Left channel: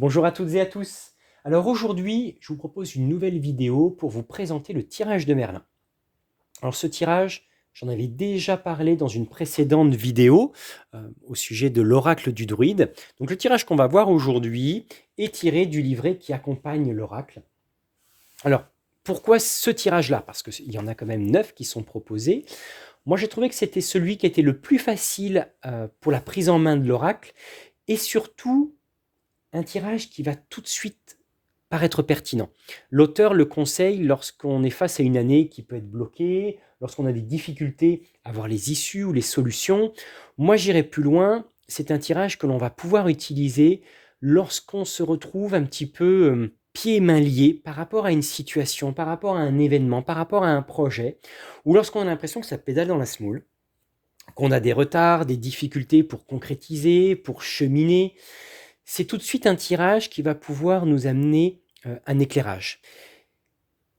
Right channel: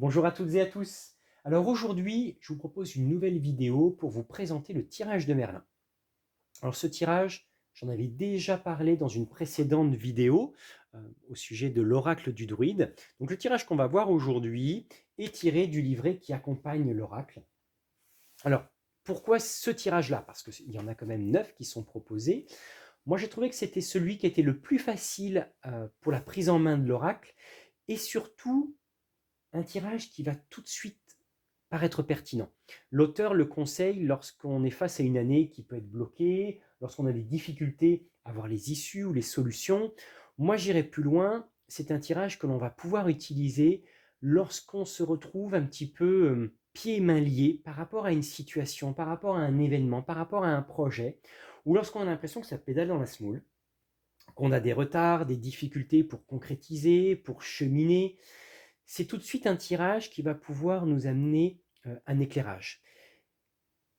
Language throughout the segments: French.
Bonjour à toutes et à tous. Alors aujourd'hui, je vous propose une nouvelle vidéo pour vous présenter le tirage de Merlin. Alors ce tirage, j'en avais déjà parlé dans une précédente vidéo au sujet de l'oracle du druide. Donc le tirage qu'on va voir aujourd'hui est tiré du livret qui accompagne l'oracle. Alors pourquoi ce tirage-là? Parce qu'il y en a quand même 9 qui sont proposés. Moi j'ai trouvé que c'était celui qui était le plus facile pour la prise en main de l'oracle et surtout un tirage qui va tout de suite paraître pertinent. L'auteur le conseille lorsqu'on est face à une année qui peut être bloquée, lorsqu'on a des difficultés à voir les issues ou les solutions. Moi, j'irai plus loin. C'est un tirage que l'on va pouvoir utiliser lorsqu'on se retrouve un petit peu pieds et mains liés par rapport à une situation, par rapport à un événement, par rapport à un projet, ou lorsqu'on a l'impression que ça pédale dans la semoule, qu'on a des retards, des difficultés pour concrétiser, pour cheminer. C'est tout de suite un tirage qui va pouvoir nous amener un éclairage.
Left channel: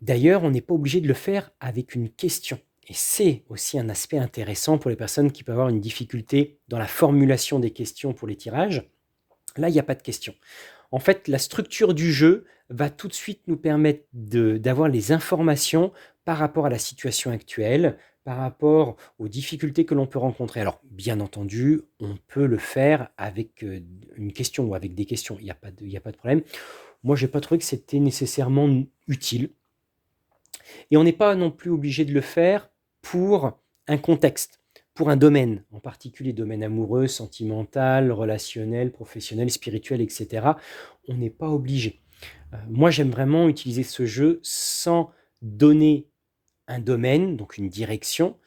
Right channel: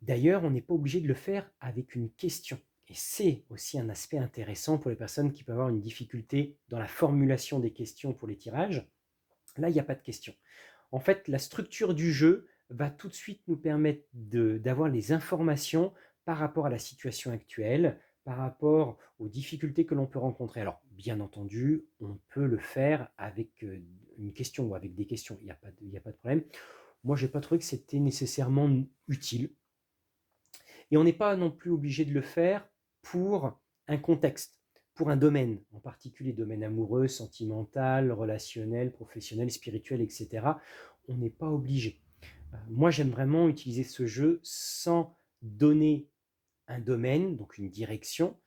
D'ailleurs, on n'est pas obligé de le faire avec une question. Et c'est aussi un aspect intéressant pour les personnes qui peuvent avoir une difficulté dans la formulation des questions pour les tirages. Là, il n'y a pas de question. En fait, la structure du jeu va tout de suite nous permettre d'avoir les informations par rapport à la situation actuelle, par rapport aux difficultés que l'on peut rencontrer. Alors, bien entendu, on peut le faire avec une question ou avec des questions, il y a pas de problème. Moi, je n'ai pas trouvé que c'était nécessairement utile. Et on n'est pas non plus obligé de le faire pour un contexte, pour un domaine, en particulier domaine amoureux, sentimental, relationnel, professionnel, spirituel, etc. On n'est pas obligé. Moi, j'aime vraiment utiliser ce jeu sans donner un domaine, donc une direction,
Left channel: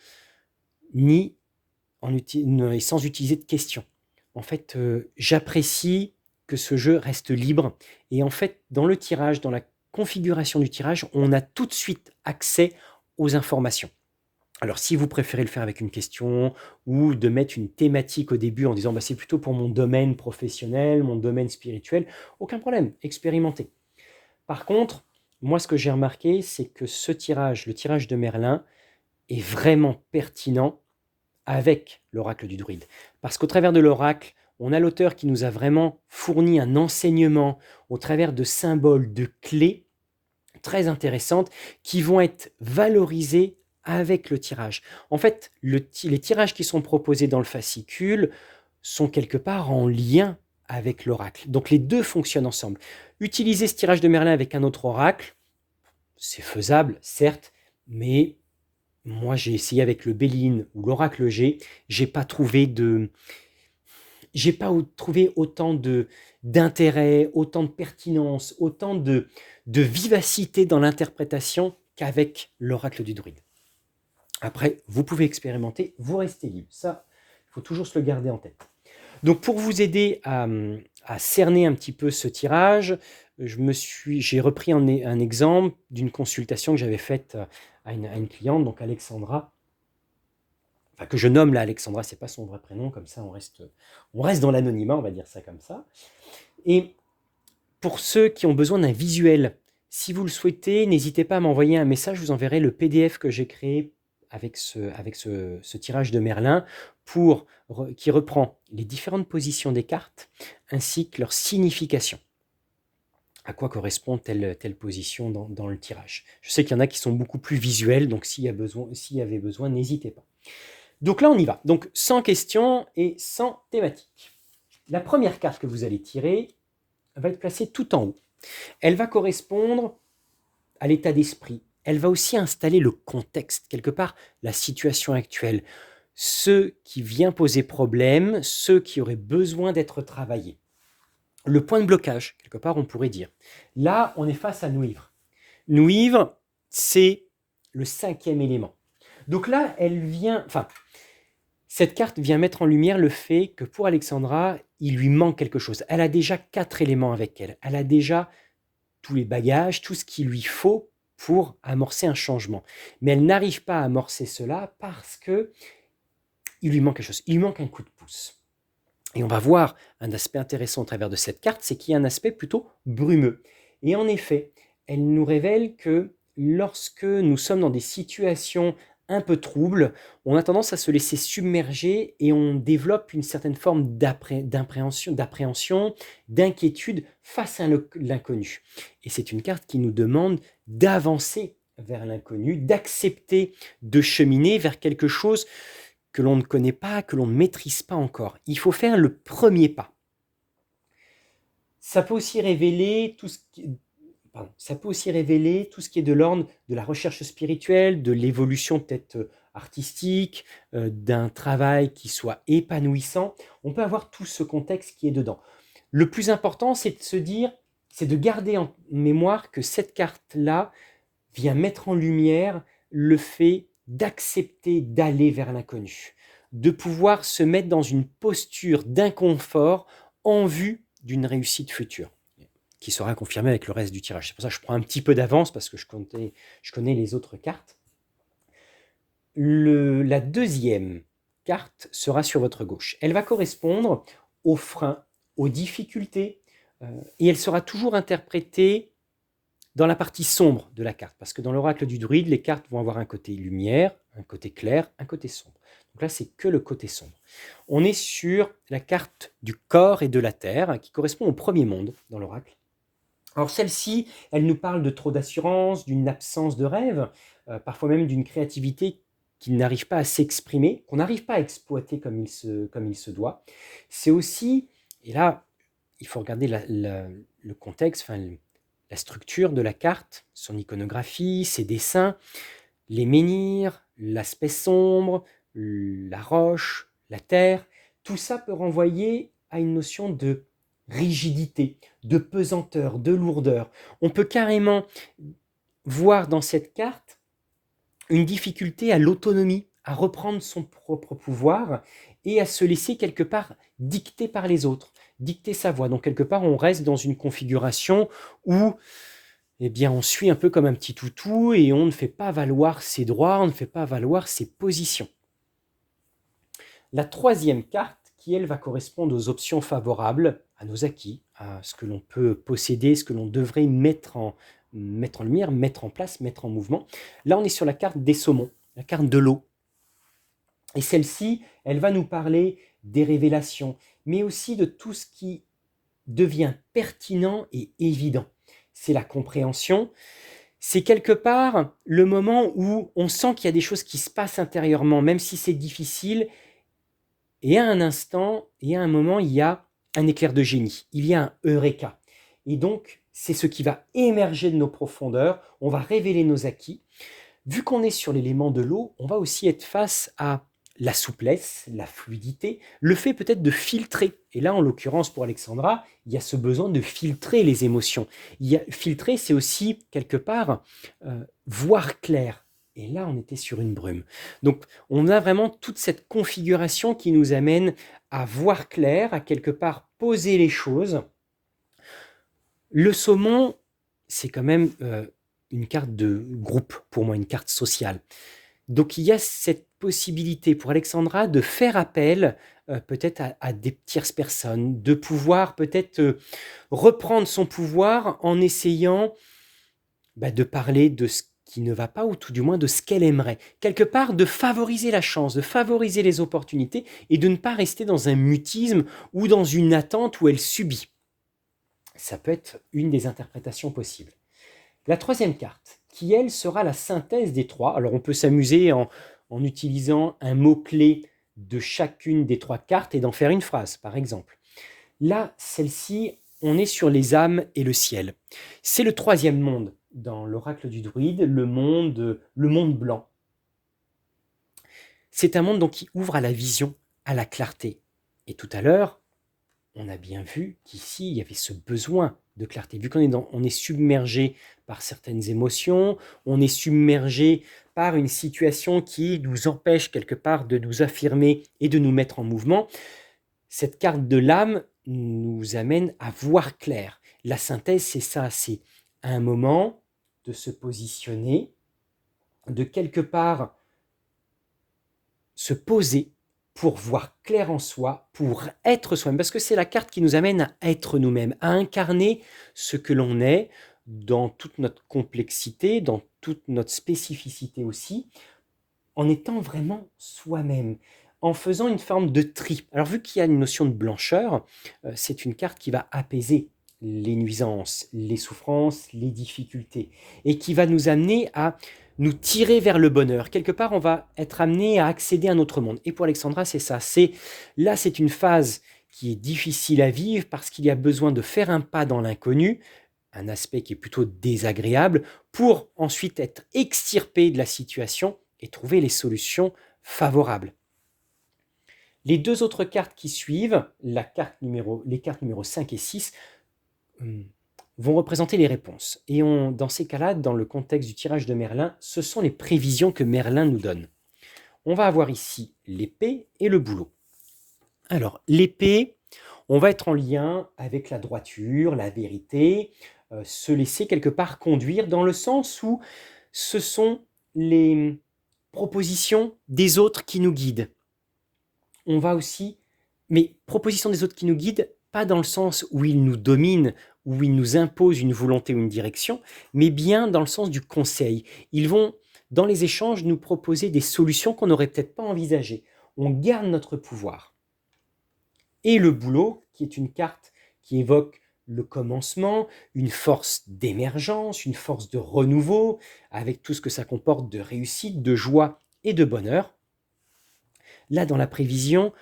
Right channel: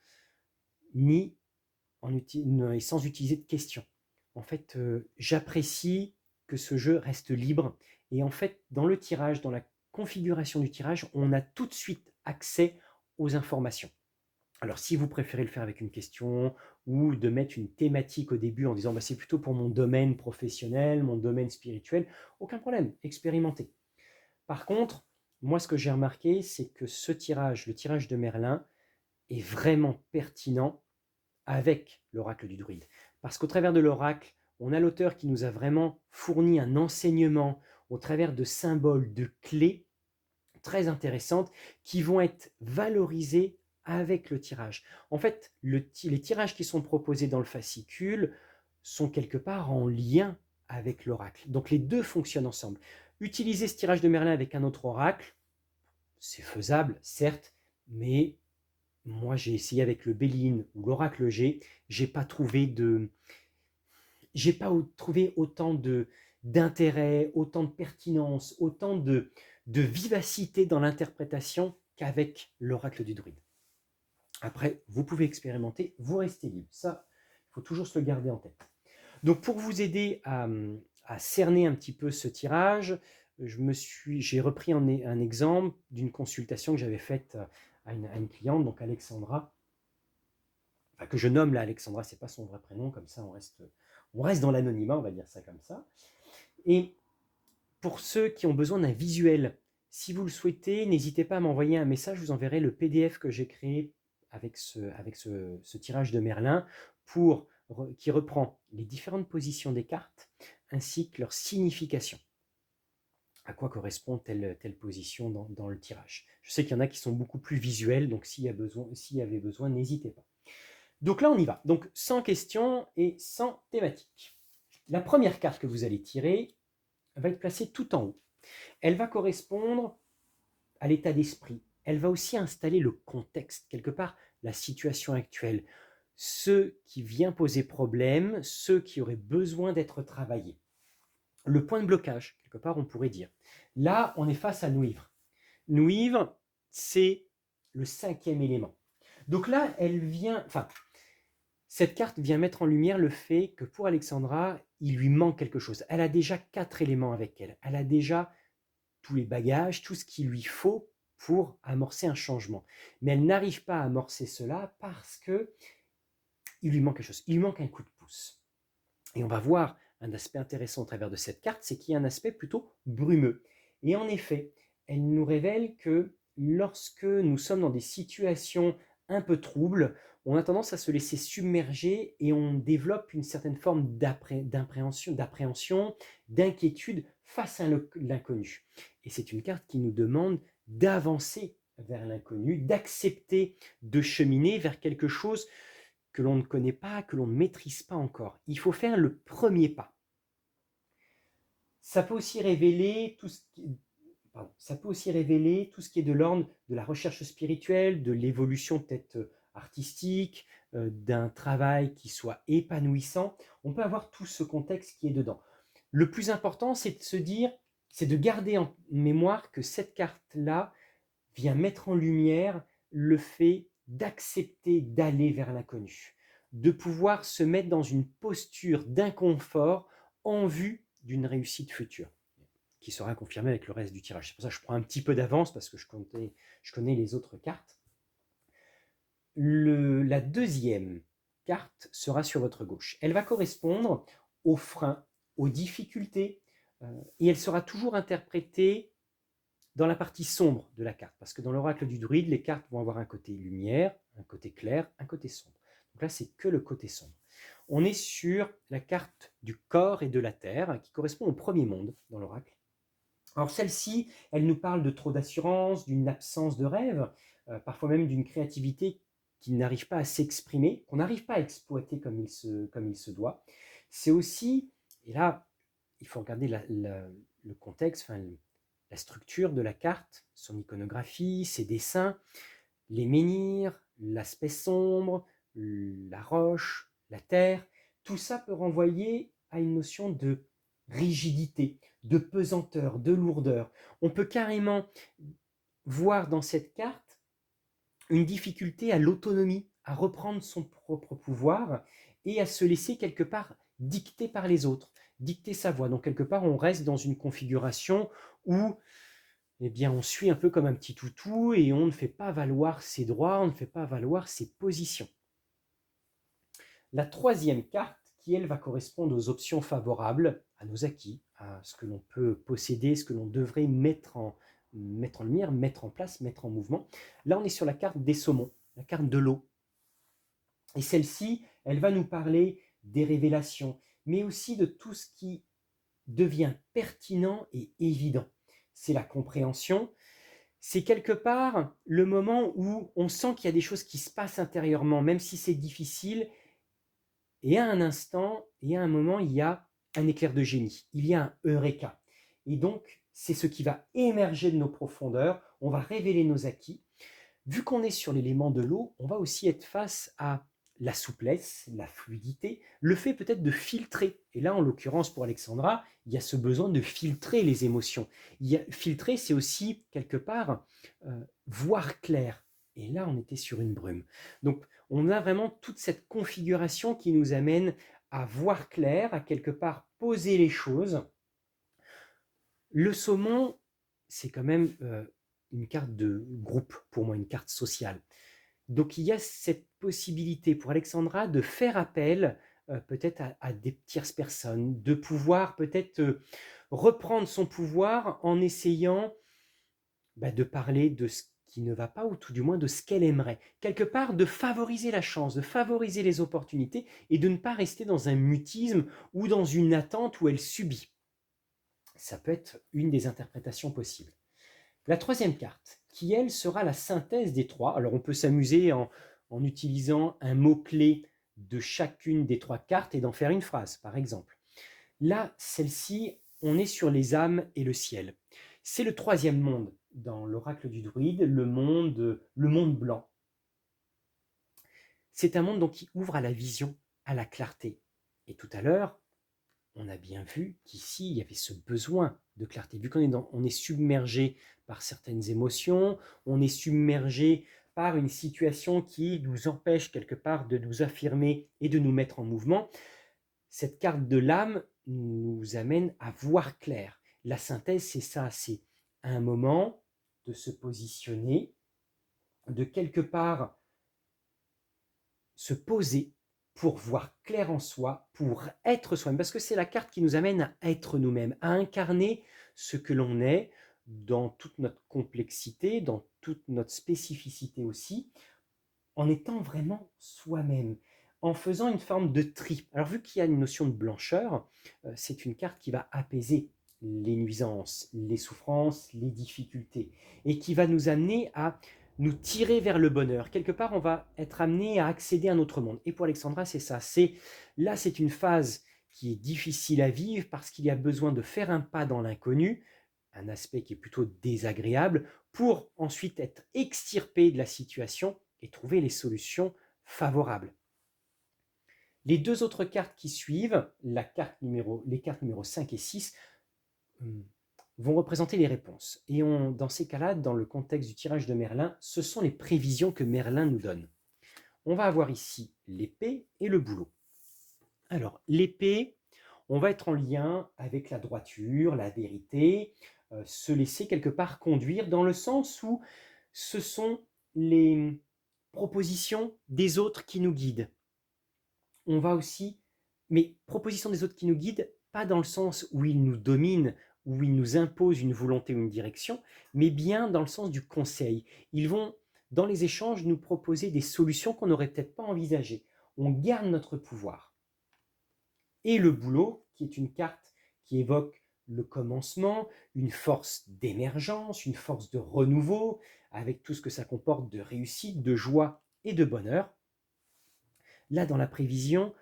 ni et sans utiliser de questions. En fait, j'apprécie que ce jeu reste libre et en fait, dans le tirage, dans la configuration du tirage, on a tout de suite accès aux informations. Alors si vous préférez le faire avec une question ou de mettre une thématique au début en disant: «Bah, c'est plutôt pour mon domaine professionnel, mon domaine spirituel», aucun problème, expérimentez. Par contre, moi ce que j'ai remarqué, c'est que ce tirage, le tirage de Merlin, est vraiment pertinent avec l'oracle du druide. Parce qu'au travers de l'oracle, on a l'auteur qui nous a vraiment fourni un enseignement au travers de symboles, de clés très intéressantes qui vont être valorisées avec le tirage. En fait, les tirages qui sont proposés dans le fascicule sont quelque part en lien avec l'oracle. Donc les deux fonctionnent ensemble. Utiliser ce tirage de Merlin avec un autre oracle, c'est faisable, certes, mais moi, j'ai essayé avec le Béline ou l'Oracle G, j'ai pas trouvé de j'ai pas trouvé autant d'intérêt, autant de pertinence, autant de vivacité dans l'interprétation qu'avec l'Oracle du Druide. Après, vous pouvez expérimenter, vous restez libre. Ça, il faut toujours se le garder en tête. Donc pour vous aider à cerner un petit peu ce tirage, j'ai repris un exemple d'une consultation que j'avais faite à une cliente, donc Alexandra, enfin que je nomme là Alexandra, c'est pas son vrai prénom, comme ça on reste dans l'anonymat, on va dire ça comme ça. Et pour ceux qui ont besoin d'un visuel, si vous le souhaitez, n'hésitez pas à m'envoyer un message, je vous enverrai le PDF que j'ai créé avec ce tirage de Merlin qui reprend les différentes positions des cartes ainsi que leur signification. À quoi correspond telle position dans le tirage. Je sais qu'il y en a qui sont beaucoup plus visuels, donc s'il y avait besoin, n'hésitez pas. Donc là, on y va. Donc sans question et sans thématique. La première carte que vous allez tirer va être placée tout en haut. Elle va correspondre à l'état d'esprit. Elle va aussi installer le contexte, quelque part la situation actuelle. Ce qui vient poser problème, ceux qui auraient besoin d'être travaillés. Le point de blocage, quelque part, on pourrait dire. Là, on est face à Nuivre. Nuivre, c'est le cinquième élément. Donc là, cette carte vient mettre en lumière le fait que pour Alexandra, il lui manque quelque chose. Elle a déjà 4 éléments avec elle. Elle a déjà tous les bagages, tout ce qu'il lui faut pour amorcer un changement. Mais elle n'arrive pas à amorcer cela parce que il lui manque quelque chose. Il lui manque un coup de pouce. Et on va voir un aspect intéressant au travers de cette carte, c'est qu'il y a un aspect plutôt brumeux. Et en effet, elle nous révèle que lorsque nous sommes dans des situations un peu trouble, on a tendance à se laisser submerger et on développe une certaine forme d'appréhension, d'inquiétude face à l'inconnu. Et c'est une carte qui nous demande d'avancer vers l'inconnu, d'accepter de cheminer vers quelque chose que l'on ne connaît pas, que l'on ne maîtrise pas encore. Il faut faire le premier pas. Ça peut aussi révéler tout ce qui Ça peut aussi révéler tout ce qui est de l'ordre de la recherche spirituelle, de l'évolution peut-être, artistique, d'un travail qui soit épanouissant. On peut avoir tout ce contexte qui est dedans. Le plus important, c'est de garder en mémoire que cette carte-là vient mettre en lumière le fait d'accepter d'aller vers l'inconnu, de pouvoir se mettre dans une posture d'inconfort en vue d'une réussite future qui sera confirmée avec le reste du tirage. C'est pour ça que je prends un petit peu d'avance parce que je connais les autres cartes. La deuxième carte sera sur votre gauche. Elle va correspondre aux freins, aux difficultés, et elle sera toujours interprétée dans la partie sombre de la carte, parce que dans l'oracle du druide, les cartes vont avoir un côté lumière, un côté clair, un côté sombre. Donc là, c'est que le côté sombre. On est sur la carte du corps et de la terre, qui correspond au premier monde dans l'oracle. Alors celle-ci, elle nous parle de trop d'assurance, d'une absence de rêve, parfois même d'une créativité qui n'arrive pas à s'exprimer, qu'on n'arrive pas à exploiter comme il se doit. C'est aussi, et là, il faut regarder le contexte, enfin, la structure de la carte, son iconographie, ses dessins, les menhirs, l'aspect sombre, la roche, la terre, tout ça peut renvoyer à une notion de rigidité, de pesanteur, de lourdeur. On peut carrément voir dans cette carte une difficulté à l'autonomie, à reprendre son propre pouvoir et à se laisser quelque part dicter par les autres, dicter sa voix. Donc quelque part, on reste dans une configuration où eh bien, on suit un peu comme un petit toutou et on ne fait pas valoir ses droits, on ne fait pas valoir ses positions. La troisième carte, qui elle va correspondre aux options favorables, à nos acquis, à ce que l'on peut posséder, ce que l'on devrait mettre en lumière, mettre en place, mettre en mouvement. Là, on est sur la carte des saumons, la carte de l'eau. Et celle-ci, elle va nous parler des révélations, mais aussi de tout ce qui devient pertinent et évident. C'est la compréhension, c'est quelque part le moment où on sent qu'il y a des choses qui se passent intérieurement, même si c'est difficile, et à un instant, et à un moment, il y a un éclair de génie, il y a un eureka. Et donc, c'est ce qui va émerger de nos profondeurs, on va révéler nos acquis. Vu qu'on est sur l'élément de l'eau, on va aussi être face à la souplesse, la fluidité, le fait peut-être de filtrer. Et là, en l'occurrence, pour Alexandra, il y a ce besoin de filtrer les émotions. Filtrer, c'est aussi, quelque part, voir clair. Et là, on était sur une brume. Donc, on a vraiment toute cette configuration qui nous amène à voir clair, à quelque part poser les choses. Le saumon, c'est quand même une carte de groupe, pour moi, une carte sociale. Donc il y a cette possibilité pour Alexandra de faire appel peut-être à des tierces personnes, de pouvoir peut-être reprendre son pouvoir en essayant de parler de ce qui ne va pas ou tout du moins de ce qu'elle aimerait. Quelque part, de favoriser la chance, de favoriser les opportunités et de ne pas rester dans un mutisme ou dans une attente où elle subit. Ça peut être une des interprétations possibles. La troisième carte, qui elle sera la synthèse des trois. Alors on peut s'amuser en utilisant un mot-clé de chacune des trois cartes et d'en faire une phrase, par exemple. Là, celle-ci, on est sur les âmes et le ciel. C'est le troisième monde dans l'oracle du druide, le monde blanc. C'est un monde donc qui ouvre à la vision, à la clarté. Et tout à l'heure, on a bien vu qu'ici, il y avait ce besoin de clarté. Vu on est submergé par certaines émotions, on est submergé par une situation qui nous empêche quelque part de nous affirmer et de nous mettre en mouvement, cette carte de l'âme nous amène à voir clair. La synthèse, c'est ça, c'est un moment de se positionner, de quelque part se poser pour voir clair en soi, pour être soi-même, parce que c'est la carte qui nous amène à être nous-mêmes, à incarner ce que l'on est dans toute notre complexité, dans toute notre spécificité aussi, en étant vraiment soi-même, en faisant une forme de tri. Alors vu qu'il y a une notion de blancheur, c'est une carte qui va apaiser les nuisances, les souffrances, les difficultés, et qui va nous amener à nous tirer vers le bonheur. Quelque part, on va être amené à accéder à un autre monde. Et pour Alexandra, c'est ça. C'est une phase qui est difficile à vivre parce qu'il y a besoin de faire un pas dans l'inconnu, un aspect qui est plutôt désagréable, pour ensuite être extirpé de la situation et trouver les solutions favorables. Les deux autres cartes qui suivent, les cartes numéro 5 et 6, vont représenter les réponses. Et dans ces cas-là, dans le contexte du tirage de Merlin, ce sont les prévisions que Merlin nous donne. On va avoir ici l'épée et le bouleau. Alors, l'épée, on va être en lien avec la droiture, la vérité, se laisser quelque part conduire dans le sens où ce sont les propositions des autres qui nous guident. On va aussi, mais propositions des autres qui nous guident, pas dans le sens où ils nous dominent, où ils nous imposent une volonté ou une direction, mais bien dans le sens du conseil. Ils vont, dans les échanges, nous proposer des solutions qu'on n'aurait peut-être pas envisagées. On garde notre pouvoir. Et le bouleau, qui est une carte qui évoque le commencement, une force d'émergence, une force de renouveau, avec tout ce que ça comporte de réussite, de joie et de bonheur. Là, dans la prévision,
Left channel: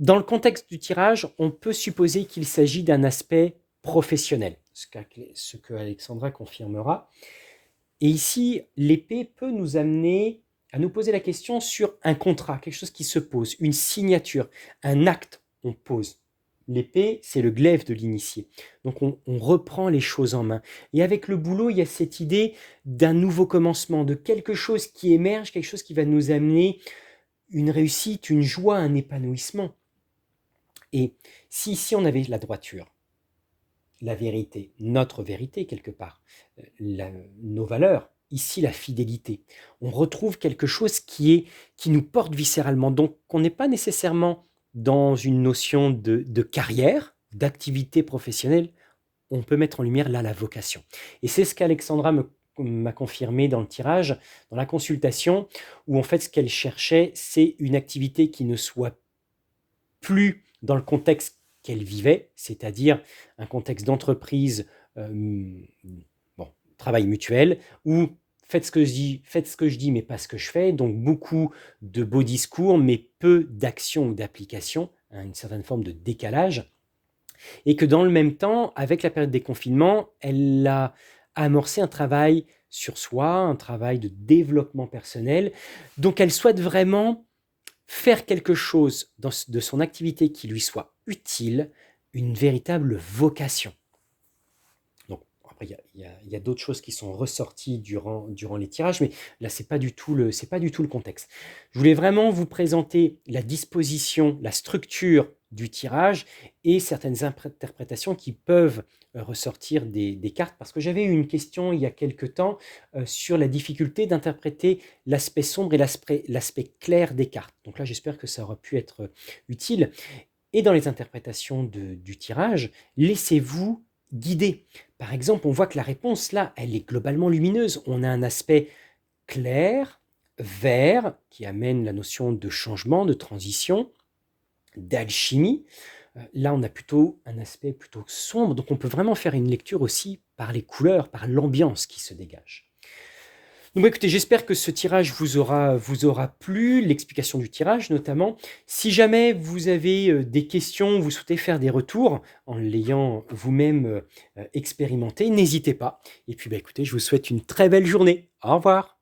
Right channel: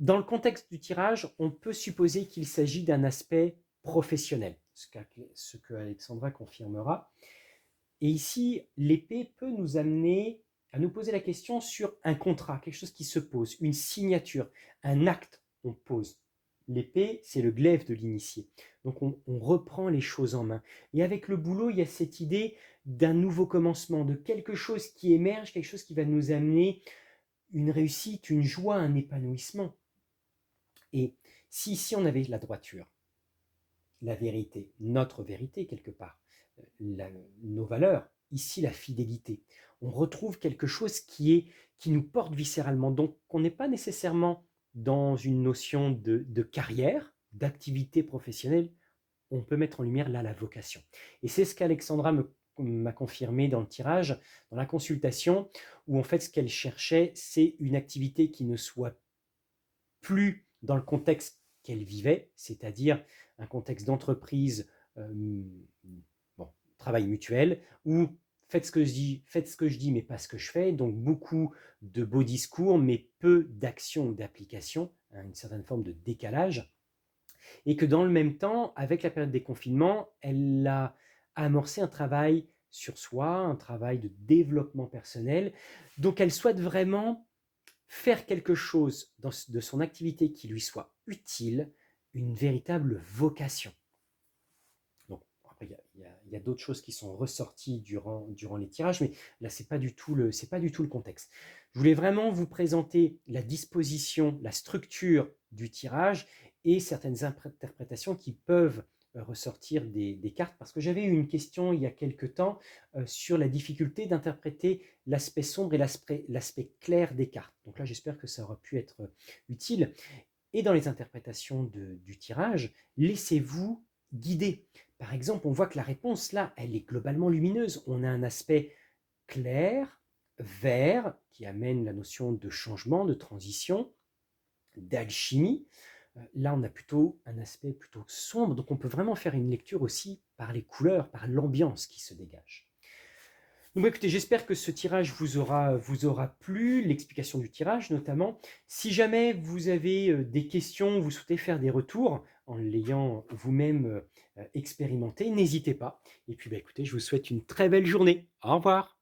dans le contexte du tirage, on peut supposer qu'il s'agit d'un aspect professionnel, ce que Alexandra confirmera. Et ici, l'épée peut nous amener à nous poser la question sur un contrat, quelque chose qui se pose, une signature, un acte, on pose. L'épée, c'est le glaive de l'initié. Donc on reprend les choses en main. Et avec le boulot, il y a cette idée d'un nouveau commencement, de quelque chose qui émerge, quelque chose qui va nous amener une réussite, une joie, un épanouissement. Et si ici on avait la droiture, la vérité, notre vérité quelque part, nos valeurs, ici la fidélité, on retrouve quelque chose qui nous porte viscéralement. Donc on n'est pas nécessairement dans une notion de carrière, d'activité professionnelle, on peut mettre en lumière là la vocation. Et c'est ce qu'Alexandra m'a confirmé dans le tirage, dans la consultation, où en fait ce qu'elle cherchait, c'est une activité qui ne soit plus dans le contexte qu'elle vivait, c'est-à-dire un contexte d'entreprise, bon, travail mutuel, où faites ce que je dis, mais pas ce que je fais, donc beaucoup de beaux discours, mais peu d'action ou d'application, hein, une certaine forme de décalage, et que dans le même temps, avec la période des confinements, elle a amorcé un travail sur soi, un travail de développement personnel, donc elle souhaite vraiment faire quelque chose de son activité qui lui soit utile, une véritable vocation. Donc, après, il y a d'autres choses qui sont ressorties durant les tirages, mais là, c'est pas du tout le contexte. Je voulais vraiment vous présenter la disposition, la structure du tirage et certaines interprétations qui peuvent ressortir des cartes, parce que j'avais eu une question il y a quelque temps sur la difficulté d'interpréter l'aspect sombre et l'aspect clair des cartes. Donc là, j'espère que ça aura pu être utile. Et dans les interprétations du tirage, laissez-vous guider. Par exemple, on voit que la réponse là, elle est globalement lumineuse. On a un aspect clair, vert, qui amène la notion de changement, de transition, d'alchimie. Là, on a plutôt un aspect plutôt sombre, donc on peut vraiment faire une lecture aussi par les couleurs, par l'ambiance qui se dégage. Donc écoutez, j'espère que ce tirage vous aura plu, l'explication du tirage notamment. Si jamais vous avez des questions, vous souhaitez faire des retours en l'ayant vous-même expérimenté, n'hésitez pas. Et puis écoutez, je vous souhaite une très belle journée. Au revoir.